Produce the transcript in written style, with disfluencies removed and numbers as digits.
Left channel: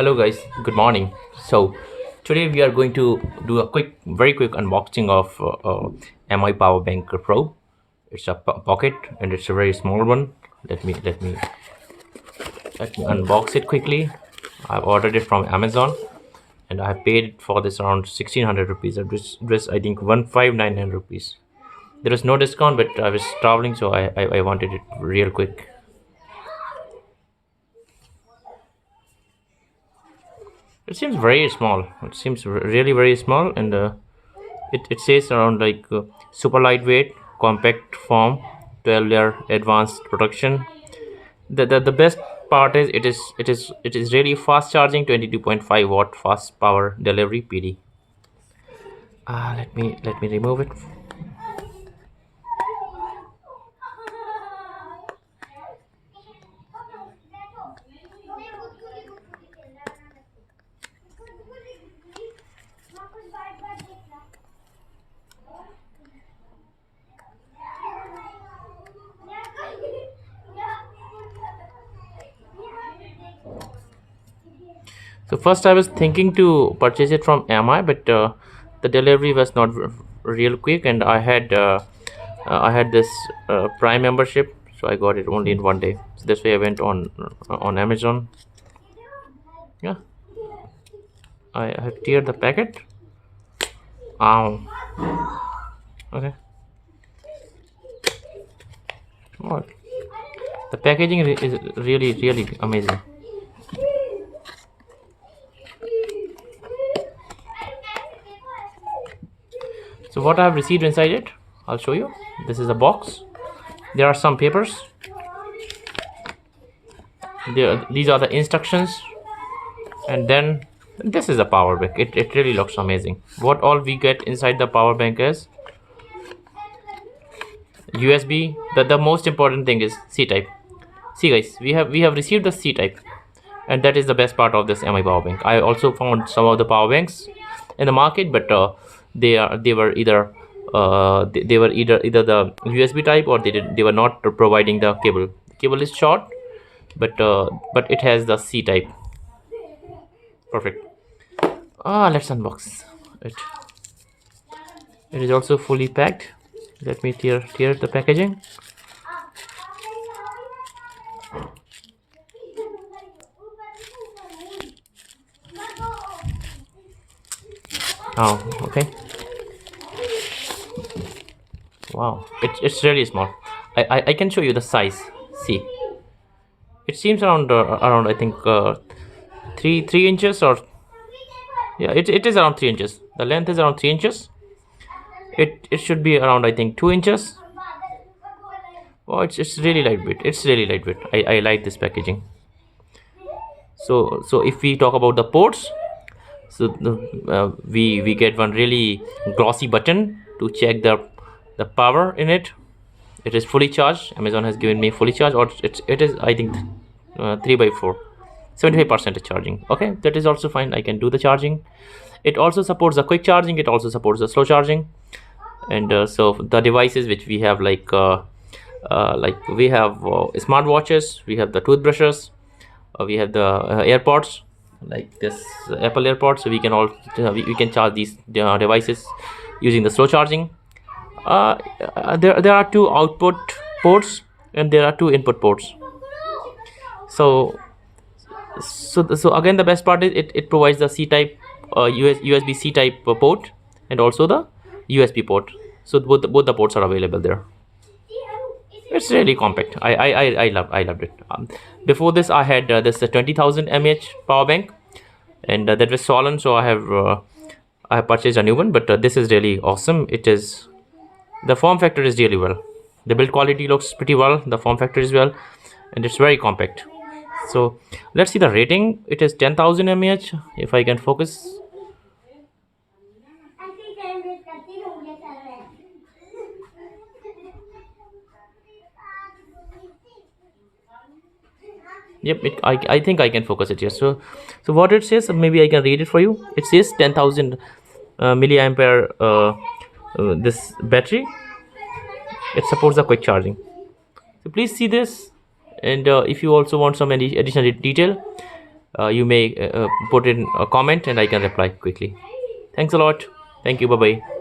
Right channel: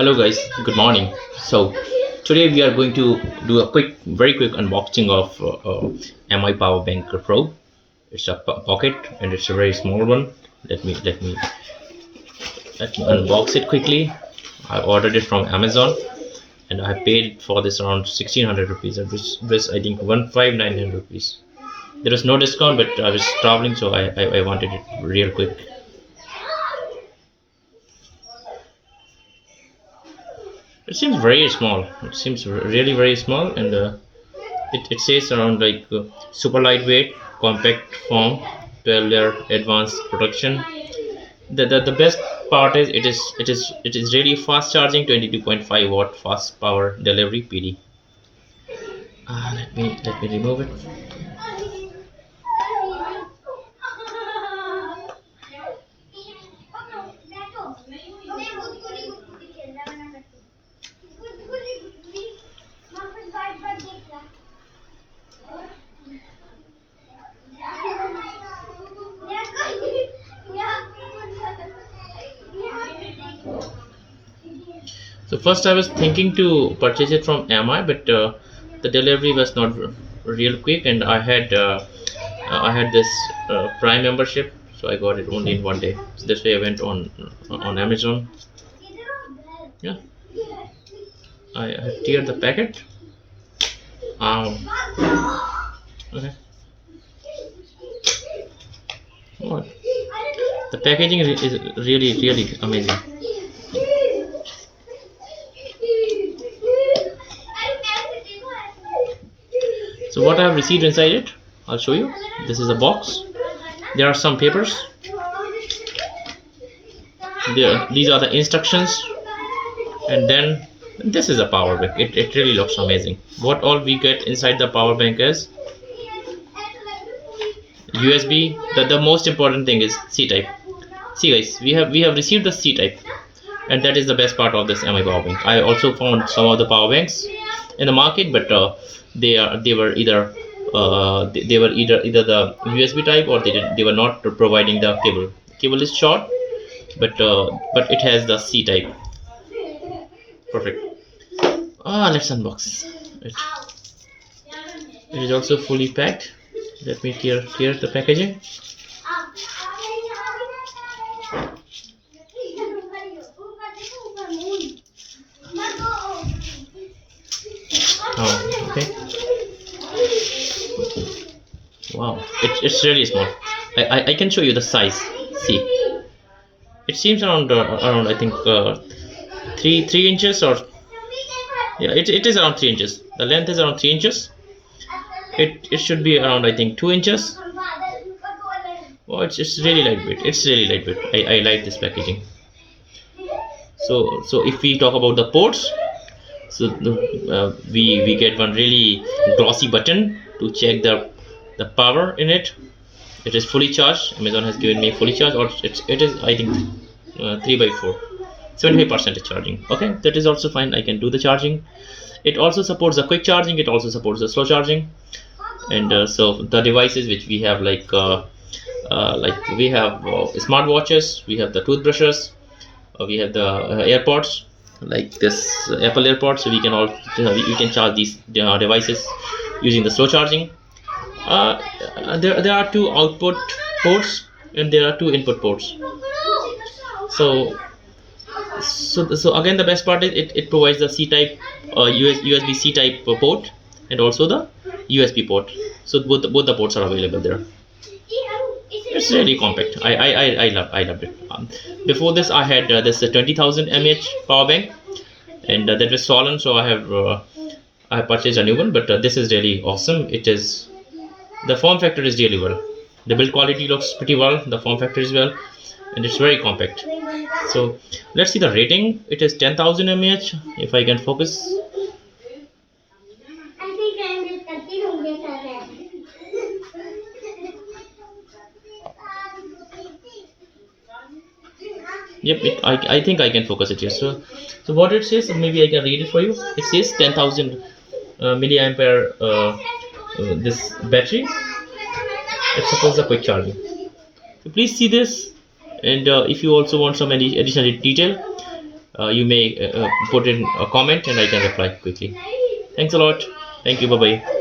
Hello guys, good morning. So today we are going to do a very quick unboxing of MI Power Bank Pro. It's a pocket and it's a very small one. Let me unbox it quickly. I ordered it from Amazon and I paid for this around 1600 rupees. This I think 1599 rupees. There is no discount, but I was traveling, so I wanted it real quick. It seems very small. It seems really very small, and it says around like super lightweight, compact form, 12-layer advanced protection. The best part is it is really fast charging, 22.5 watt fast power delivery PD. Let me remove it. So first I was thinking to purchase it from MI, but the delivery was not real quick, and I had this Prime membership, so I got it only in one day. So this way I went on Amazon. Yeah, I have teared the packet. Okay. Oh, the packaging is really amazing. So what I have received inside it, I'll show you. This is a box. There are some papers. These are the instructions, and then this is a power bank. It really looks amazing. What all we get inside the power bank is USB. The most important thing is C type. See guys, we have received the C type, and that is the best part of this MI power bank. I also found some of the power banks in the market, but they were either the USB type, or they were not providing the cable. The cable is short, but it has the C type. Perfect. Let's unbox it. It is also fully packed. Let me tear the packaging. Okay. Wow, it's really small. I can show you the size. See, it seems around I think 3 inches, or yeah, it is around 3 inches. The length is around 3 inches. It should be around I think 2 inches. Oh, it's really lightweight. It's really lightweight. I like this packaging. So if we talk about the ports, so we get one really glossy button to check the power in it. It is fully charged. Amazon has given me fully charged, or it is I think 3 by 4, 75% charging. Okay, that is also fine. I can do the charging. It also supports the quick charging. It also supports the slow charging. And so the devices which we have, like we have smart watches, we have the toothbrushes, we have the AirPods, like this Apple AirPods. So we can all we can charge these devices using the slow charging. There are two output ports and there are two input ports. So again, the best part is it provides the C type USB C type port, and also the USB port. So both the ports are available there. It's really compact. I loved it. Before this, I had this 20,000 mAh power bank, and that was swollen, so I have purchased a new one. But this is really awesome. The form factor is really well. The build quality looks pretty well. The form factor is well, and it's very compact. So let's see the rating. It is 10,000 mAh. If I can focus. Yep, I think I can focus it here. So what it says, maybe I can read it for you. It says 10,000 milliampere this battery. It supports the quick charging. So please see this, and if you also want some any additional detail, you may put in a comment and I can reply quickly. Thanks a lot. Thank you. Bye bye.